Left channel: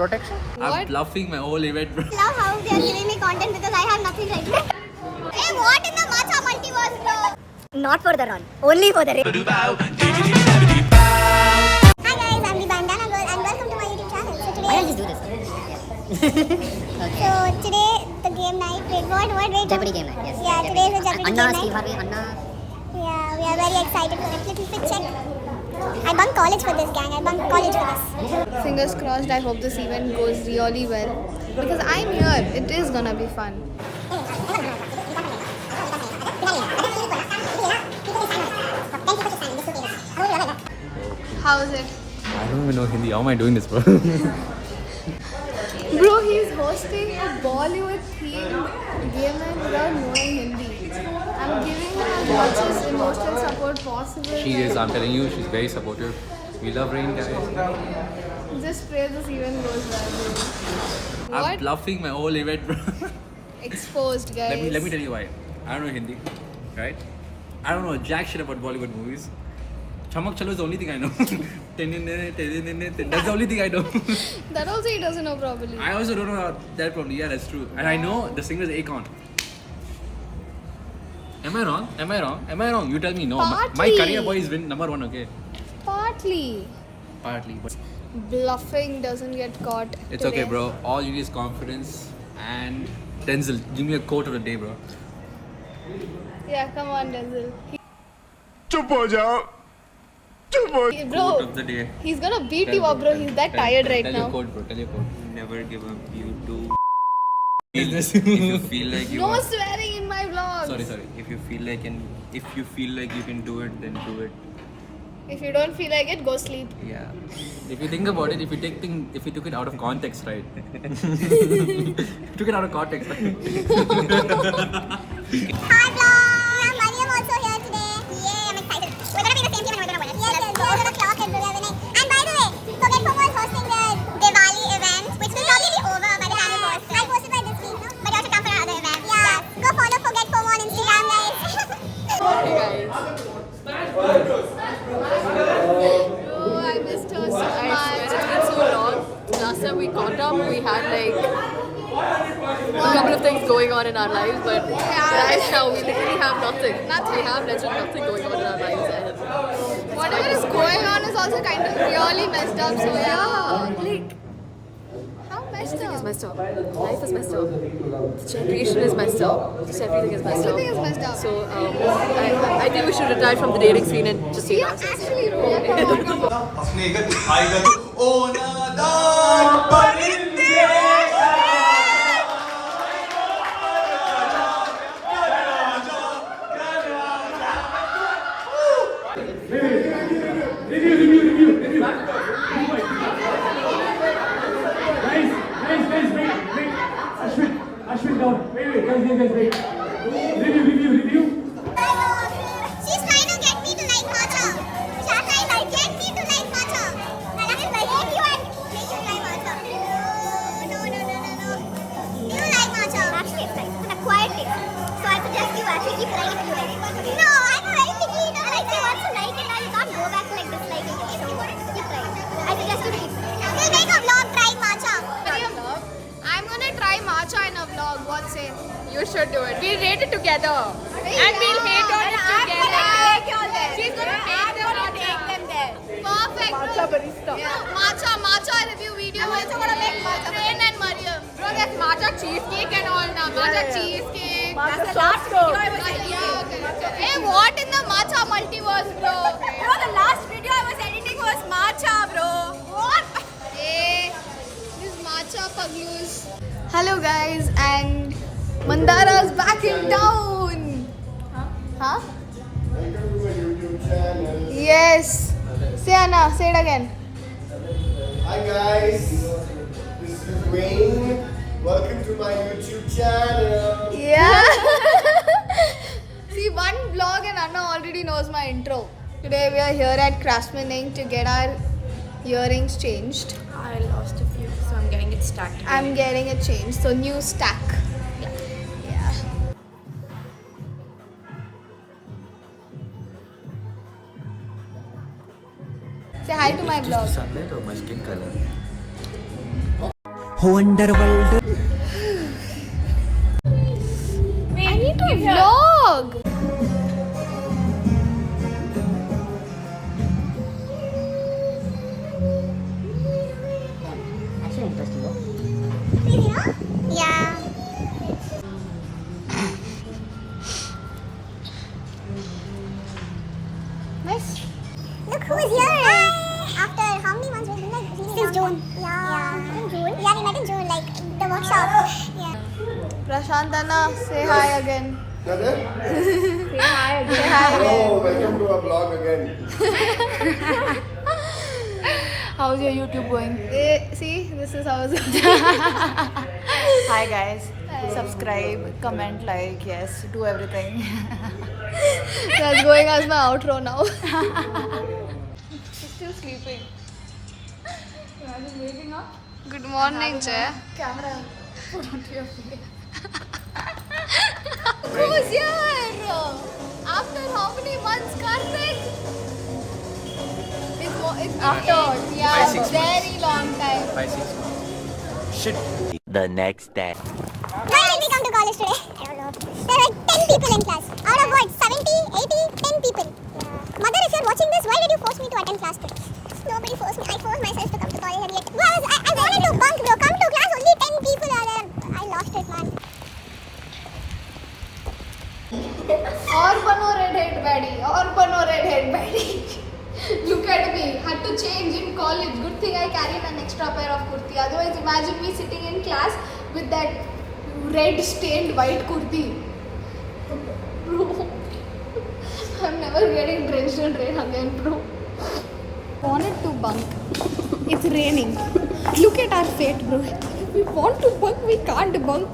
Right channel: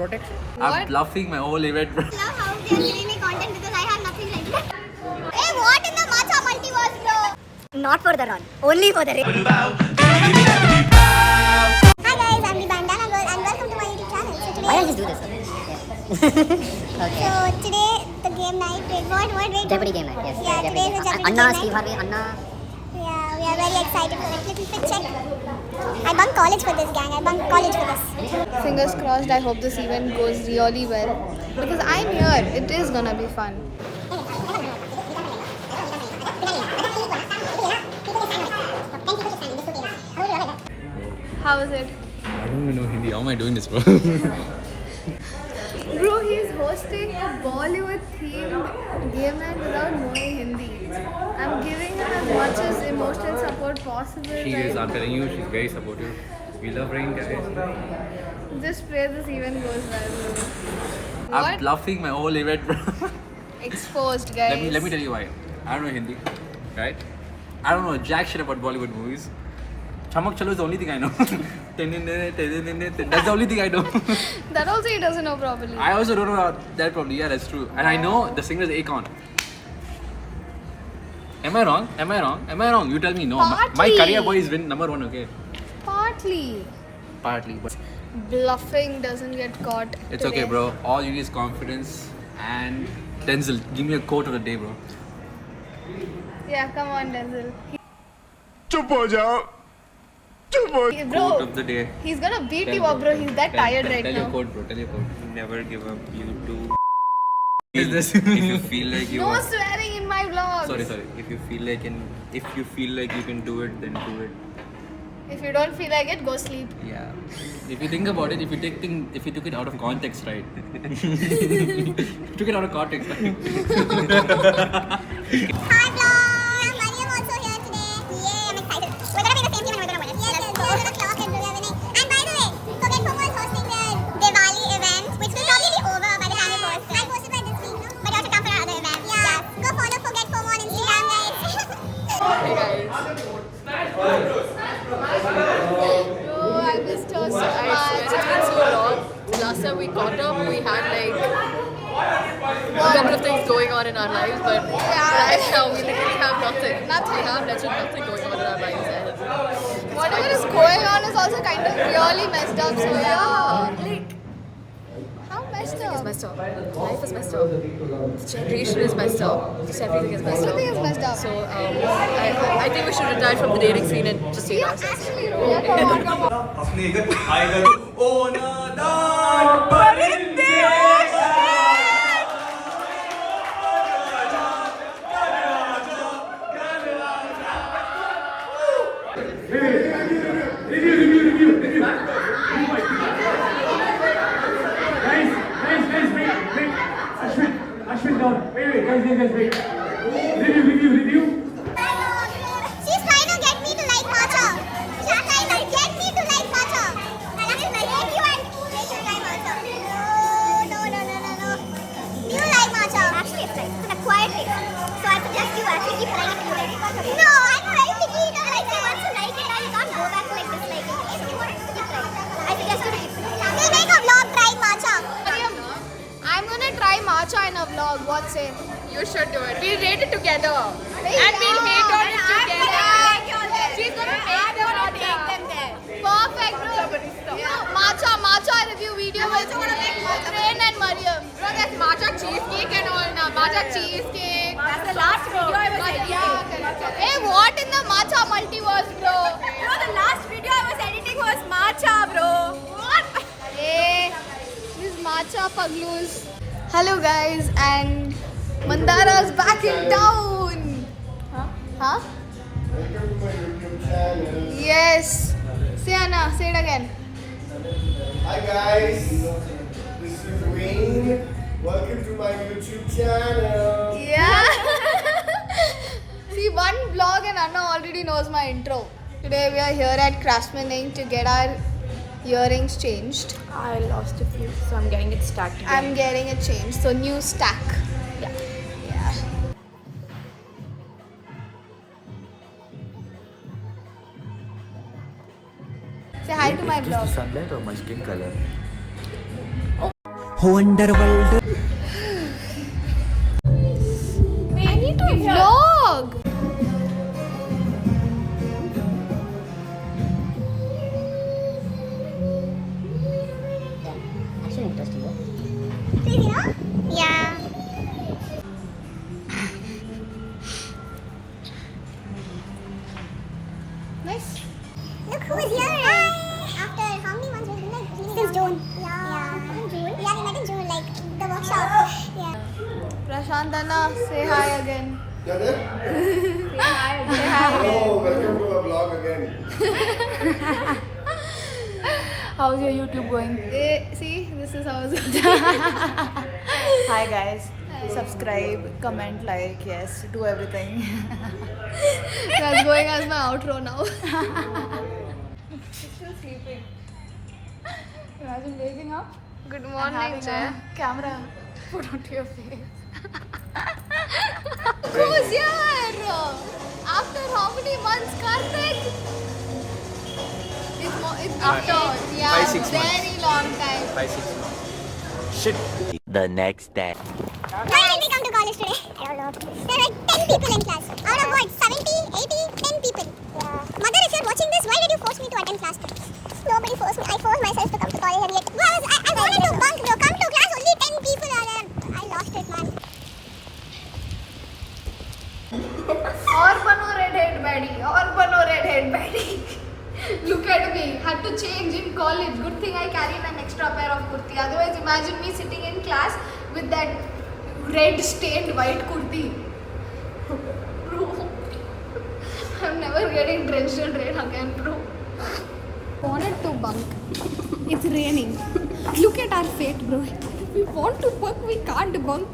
protection. What? I'm bluffing my whole event, bro. I love how they are giving me content because I have nothing right now. Hey, what in the matcha multiverse, bro? Not for the run, only for the race. Hi guys, I'm the Bandana Girl and welcome to my YouTube channel. So today, Why don't you do this? so today the game night. What wait? Jeopardy game night, yes. Yeah, today is a Jeopardy Anna, game Steve night. Harvey, Anna. Yeah, we are very excited for it. Little fit check. I bunked college for this, gang. I bunked college for this. Fingers crossed, I hope this event goes really well. Because I'm here, it is gonna be fun. How is it? I don't even know Hindi. How am I doing this, bro? Bro, he's hosting a Bollywood themed game night without knowing Hindi. I'm giving him as much as emotional support possible. She like, is. I'm telling you, she's very supportive. We love Rain, guys. Just pray this event goes well, bro. I'm What? bluffing my whole event, bro. Exposed, guys. let me tell you why. I don't know Hindi, right? I don't know jack shit about Bollywood movies. Chamak Chalo is the only thing I know. That's the only thing I know. That also he doesn't know properly. I also don't know that probably. Yeah, that's true. And I know the singer is Akon. Am I wrong? Am I wrong? Am I wrong? You tell me. No, my Partly. career boy is win number one. Okay, Partly. partly, but Bluffing doesn't get caught. it's today. okay, bro. All you need is confidence and Denzel. Give me a quote of the day, bro. Yeah, come on, Denzel. चुप हो जाओ चुप हो Hey, Quote bro, of the day. he's gonna beat you up, bro. He's that tired right Tell now. your quote, bro. Tell your quote. never give up you do Is this? if you feel like you No are swearing in my vlog. sorry. if you feel like you can do it then do it If you don't feel like it, go sleep. yeah If you think about it, if you took it out of context, right? Took it out of context, right? Hi vlog! Mariam also here today. Yeah, I'm excited. We're gonna be the same team and we're gonna win it. Yes, we're gonna clock it, we're winning. And by the way, Forget FOMO is hosting their Diwali event, which will probably be over by the time we post it. I posted by this week, no? But you have to come for our other event. Yeah. Go follow Forget FOMO on Instagram, guys. Bro, I missed her so much. It's been so long. Last time we caught up, we had like a couple of things going on in our lives, but right now we literally have nothing. Nothing. We have literally nothing going on in our lives. And Whatever is going on is also kind of really messed up. So yeah. How messed it's up? messed up. Life is messed up. This generation is messed up. Just everything is messed Everything is up. messed up. So I think we should retire from the dating scene and just stay Yeah, ourselves. actually, yeah, come on, come on. Ashwin down. Wait, guys. Review. She's trying to get me to like matcha. She's trying to get me to like matcha. And I'm like, hey, you should try matcha. No. Do you like matcha? Actually, it's like an acquired taste. So I suggest you actually keep trying it. No, I'm a very picky eater. Like, I also like it and you can't go back to disliking it. So keep trying. I suggest you to keep trying. We'll make a vlog trying matcha. I'm gonna try matcha in a vlog. What say? You should do it. We'll rate it together. And we'll hate on it together. She's gonna take them matcha. Perfect, bro. New matcha review video with Rain and Mariam. Bro, there's matcha cheesecake and all now. Matcha cheesecake. That's the last video I was editing. Hey, what in the matcha multiverse, bro? Bro, the last video I was editing was matcha, bro. What? Hey, this matcha paglus. Hello guys, and Mandara's back in town. Huh? Yes. Say Anna, say it again. Hi guys, this is Rain. Welcome to my YouTube channel. Yeah. See, one vlog and Anna already knows my intro. Today we are here at Craftsman Inc. to get our earrings changed. I lost a few, so I'm getting it stacked. I'm getting it changed, so new stack. Yeah. Yeah. Say hi to my vlog. sunlight or my skin color? Wonderworld. I need to vlog. Actually interesting, Crazy, no? Yeah. Nice. Look who's here! After how many months we've been like since June. Yeah. In June? Yeah, we met in June, like the workshop. Yeah. Prashantana, say hi again. Brother? Say hi. Oh, welcome to our vlog again. How's your YouTube going? See, this is how it's going. Hi guys. Subscribe, comment, like, yes, do everything. That's going as my outro now. Still sleeping. Imagine waking up. Good morning, Jay. Camera. Who's here? After how many months, Karthik? It's after, yeah, 5-6 months. very long time. 5-6 months. Shit. The next day. Why did we come to college today? I don't know. There are like 10 people in class. Out of what? 70, 80, 10 people. Yeah. Mother, if you're watching this, why did you force me to attend class today? Nobody forced me. I forced myself to come to college and yet. Bro, I wanted to bunk, bro. Come to class, only 10 people are there. I lost it, man. Or bano redhead baddie. Or bano redhead baddie. Look at me. Had to change in college. Good thing I carried an extra pair of kurti. Otherwise, imagine me sitting in class with that red stained white kurti. Bro, I'm never getting drenched in rain again, bro. Wanted to bunk. It's raining. Look at our fate, bro. We want to bunk, we can't bunk.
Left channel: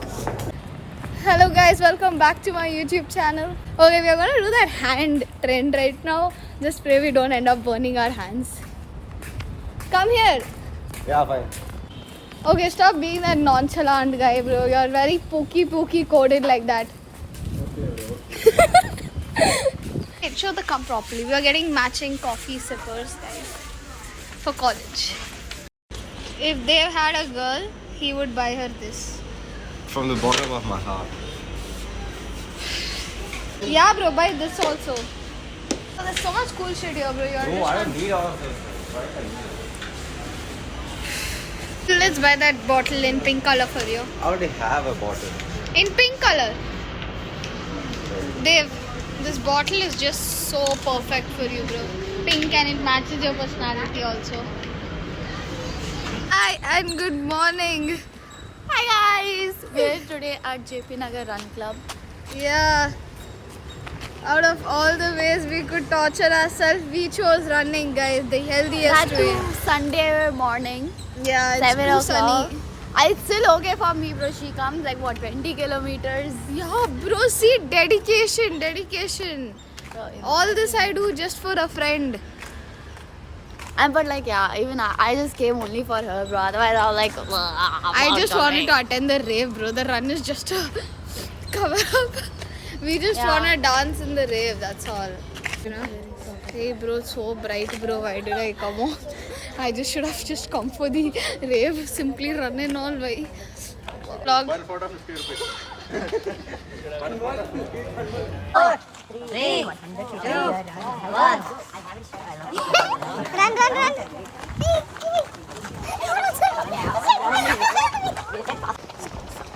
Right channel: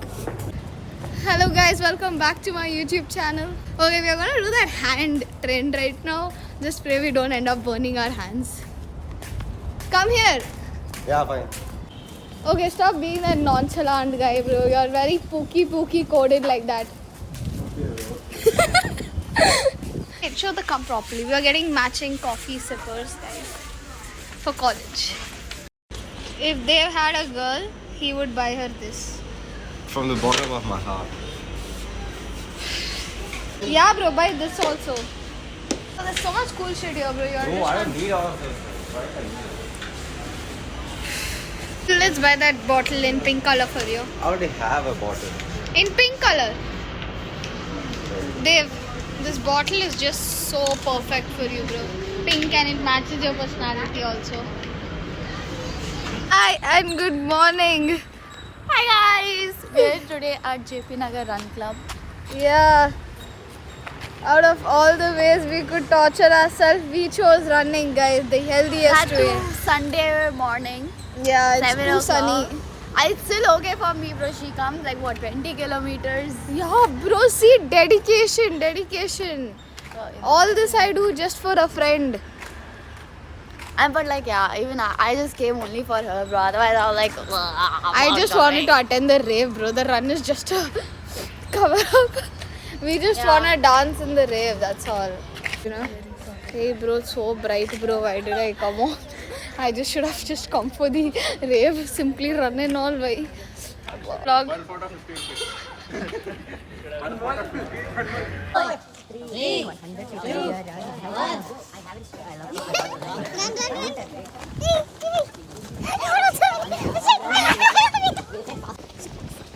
Hello guys, welcome back to my YouTube channel. Okay, we are gonna do that hand trend right now. Just pray we don't end up burning our hands. Come here. Yeah, fine. Okay, stop being that nonchalant guy, bro. You're very pooky coded like that. Okay, show the cup properly. We are getting matching coffee sippers, guys, for college. If they had a girl, he would buy her this. From the bottom of my heart. Yeah, bro, buy this also. Oh, there's so much cool shit here, bro. You're No, I don't need all of this. Let's buy that bottle in pink color for you. I already have a bottle. In pink color. Dave, this bottle is just so perfect for you, bro. Pink and it matches your personality also. Hi and good morning. Hi guys. We're today at JP Nagar Run Club. Yeah. Out of all the ways we could torture ourselves, we chose running, guys. The healthiest That way. too Sunday morning. Yeah, it's 7 too o'clock. sunny. It's still okay for me, bro. She comes like what, 20 kilometers. Yeah, bro, see, dedication. All this I do just for a friend. And but like yeah, even I just came only for her, bro. Otherwise I was like, I just wanted to attend the rave, bro. The run is just a cover up. We just want to dance in the rave, that's all. You know? Hey, bro, it's so bright, bro. Why did I come on? I just should have just come for the rave. Simply run and all, bhai. Vlog. Run.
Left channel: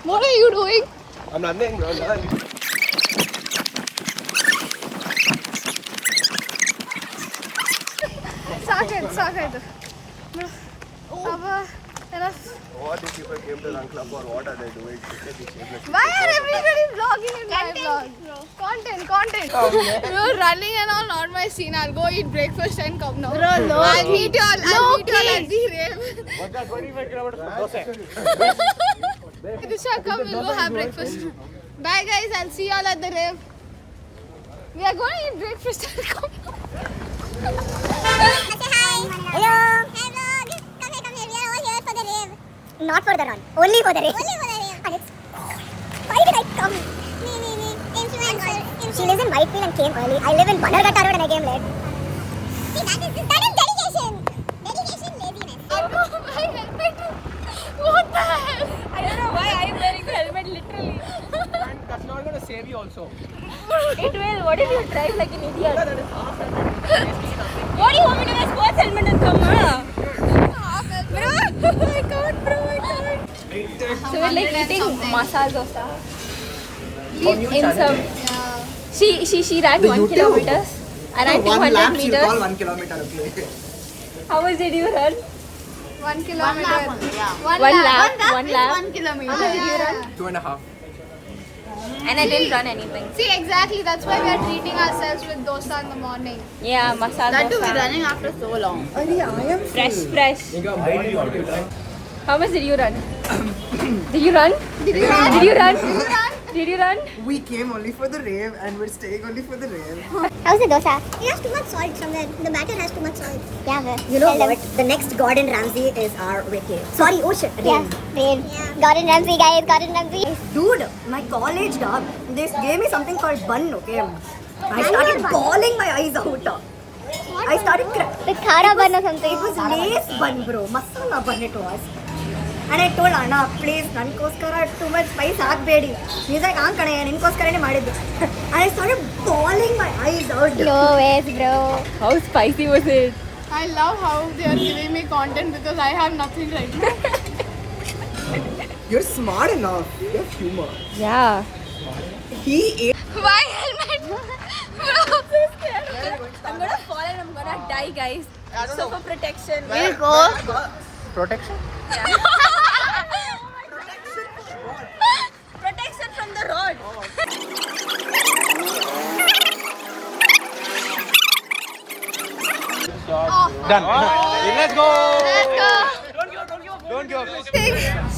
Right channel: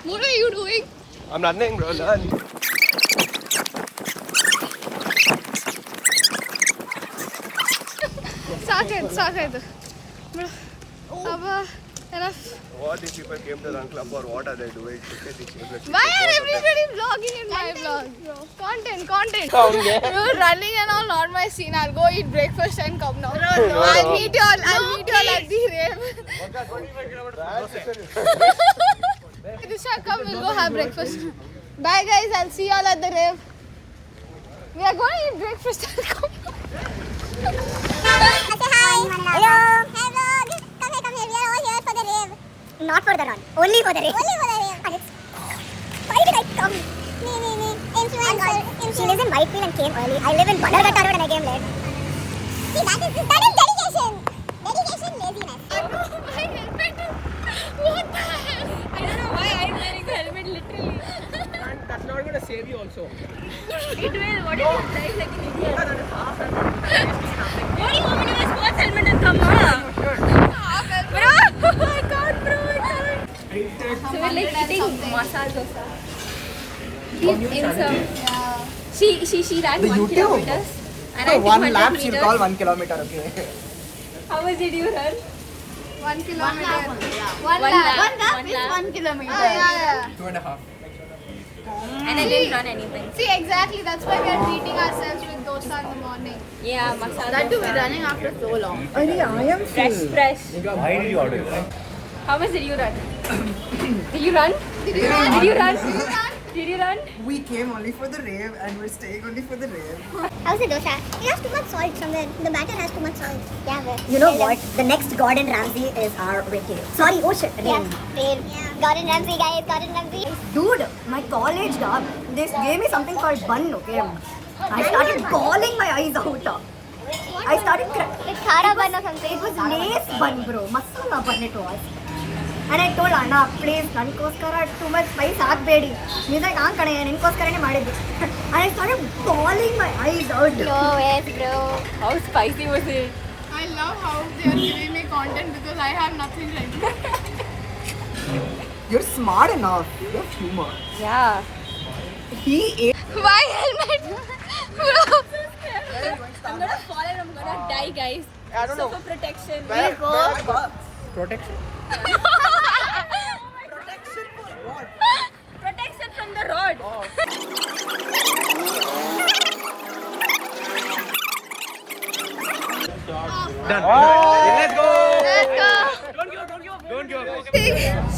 What are you doing? I'm running, bro. Run. Saket. Bro. Abba, enough. What if people came to Run Club for what are they doing? Why are everybody vlogging in my vlog? Content. Bro, running and all not my scene. I'll go eat breakfast and come now. Bro, no. I'll meet you all at the rave. Disha, come, we'll go have breakfast. Bye guys, I'll see you all at the rave. We are going to eat breakfast and come now. Say hi. Hello. Hey vlog. Come here. We are all here for the rave. Not for the run. Only for the rave. Why did I come? Me. Influencer. She lives in Whitefield and came early. I live in Bannerghatta Road and I came late. See, that is dedication. Dedication, laziness. I'm going to my helmet. What the heck? that's not gonna save you also. It will. What if you drive like an idiot? What do you want me to wear sports helmet and come, bro? I can't, bro. I can't. So we're like eating masala dosa. In some. She ran 1 kilometer. And I 200 meters. 1 kilometer. Okay. How much did you run? 1 kilometer. One lap. One lap is 1 kilometer. 2.5. And I didn't run anything. See, exactly. That's why we are treating ourselves with dosa in the morning. Yeah, masala That too, dosa. we're running after so long. Fresh. Why did you order it? How much did you run? Did you run? Did you run? We came only for the rave and we're staying only for the rave. How's the dosa? It has too much salt somewhere. The batter has too much salt. Yeah. You know what? The next Gordon Ramsay is our Ricky. Sorry, oh shit, Rain. Rain. Yeah. Gordon Ramsay, guys. Gordon Ramsay. Dude, my college dog, they gave me something called bun, okay? I started bawling my eyes out. I started crying. With khara bun or something. It was lace bun, bro. Masala bun it was. And I told Anna, please, nankoskara too much spice haakbedi. He's like, kane, ninkoskaraನೆ ಮಾಡಿದ್ದು. And I started bawling my eyes out. No ways, bro. How spicy was it? I love how they are giving me content because I have nothing right now. You're smart enough. You have humor. Yeah. He is. My helmet! Bro, I'm so scared. I'm gonna fall and I'm gonna die, guys. So for protection. We'll go. Protection? Protection from the road. Done. Let's go. Don't go.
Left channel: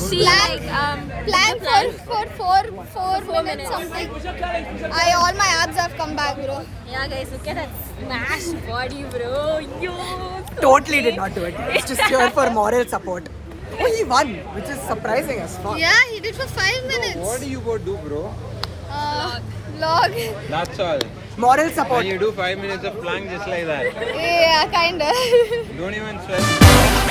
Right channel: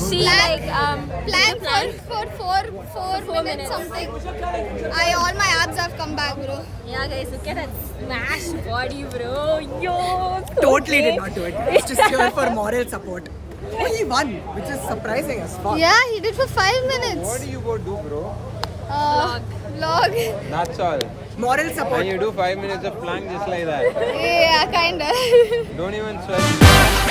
See, like, Plan for 4 minutes something. All my abs have come back, bro. yeah, guys, look at that smashed body, bro. Yo. Totally did not do it. It's just here for moral support. Oh, he won, which is surprising as fuck. Yeah, he did for 5 minutes. What do you go do, bro? Vlog. That's all. Moral support. And you do 5 minutes of plank just like that. Yeah, kinda. Don't even sweat.